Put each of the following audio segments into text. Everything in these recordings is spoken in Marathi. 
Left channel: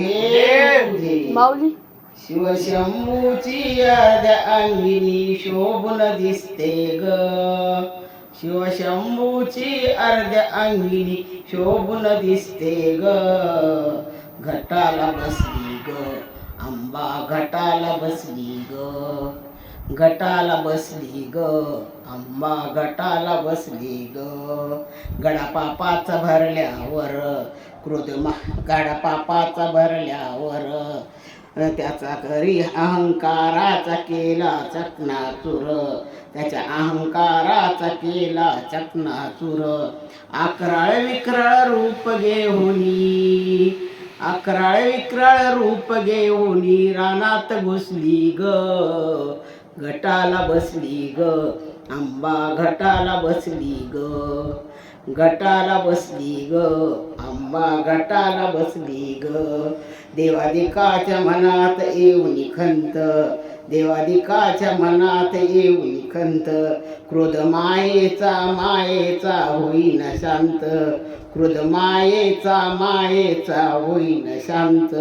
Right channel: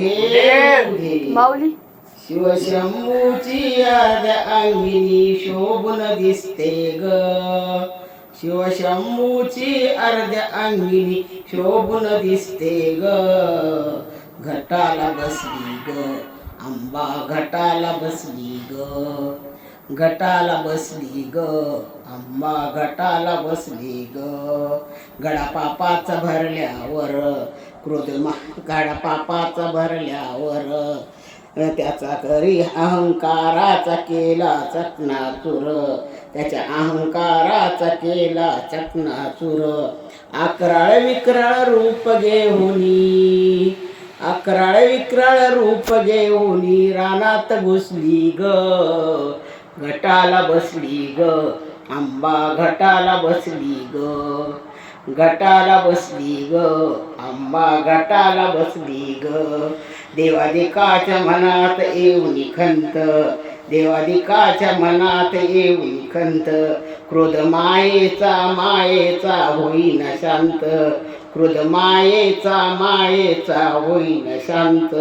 उधे माऊली शिवशंभूची अर्ध्या अंगिनी शोभून दिसते ग शिवशंभूची अर्ध्या अंगिनी शोभून दिसते ग घटाला बसली ग आंबा घटाला बसली ग घटाला बसली ग आंबा घटाला बसली ग गडापापाचा भरल्यावर गडापापाचा भरल्यावर त्याचा करी अहंकाराचा केला चकनाचूर त्याच्या अहंकाराचा केला चकनाचूर अकराळ विक्राळ रूप घेऊनी अकराळ विक्राळ रूप घेऊनी रानात घुसली ग घटाला बसली ग आंबा घटाला बसली ग घटाला बसली ग आंबा घटाला बसली ग देवादिकाच्या मनात येऊन खंत देवादिकाच्या मनात येऊन खंत क्रोध मायेचा होईन शांत क्रोध मायेचा होईन शांत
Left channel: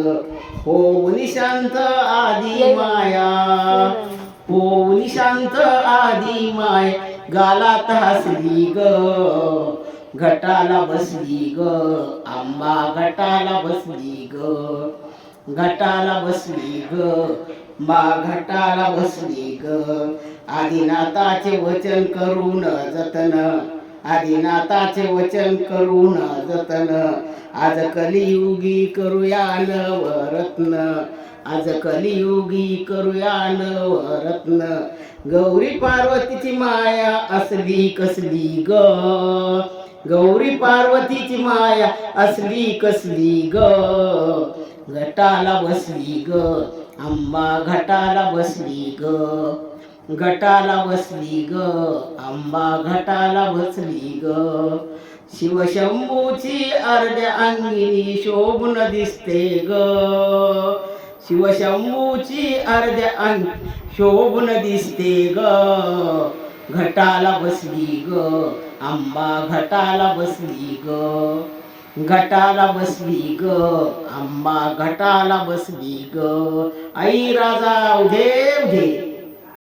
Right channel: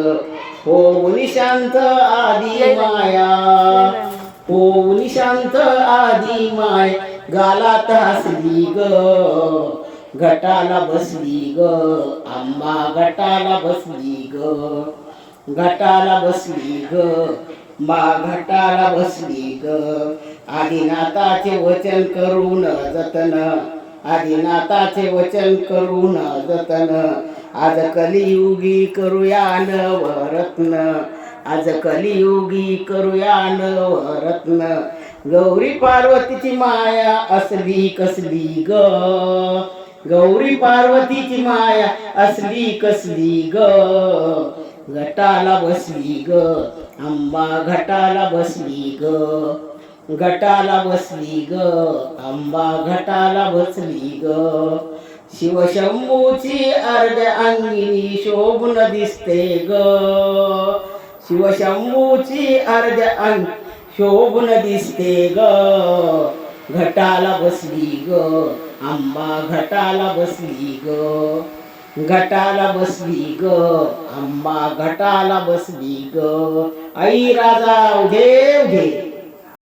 होऊन शांत आदी माया होऊन शांत आदी माय गालात हसली ग घटाला बसली ग आंबा घटाला बसली ग घटाला बसली ग मा घटाला बसली ग आदिनाथाचे वचन करून जतन आदिनाथाचे वचन करून जतन आज कलियुगी करूया नवरत्न आज कलियुगी करूया नवरत्न गौरी पार्वतीची माया असली कसली ग गौरी पार्वतीची माया असली कसली ग घटाला बसली ग आंबा घटाला बसली ग घटाला बसली ग आंबा घटाला बसली ग शिवशंभूची अर्ध्या अंगिनी शोभून दिसते ग शिवशंभूची अर्ध्या अंग शोभून दिसते ग घटाला बसली ग आंबा घटाला बसली ग घटाला बसली ग आंबा घटाला बसली ग आई राजा उधे उधे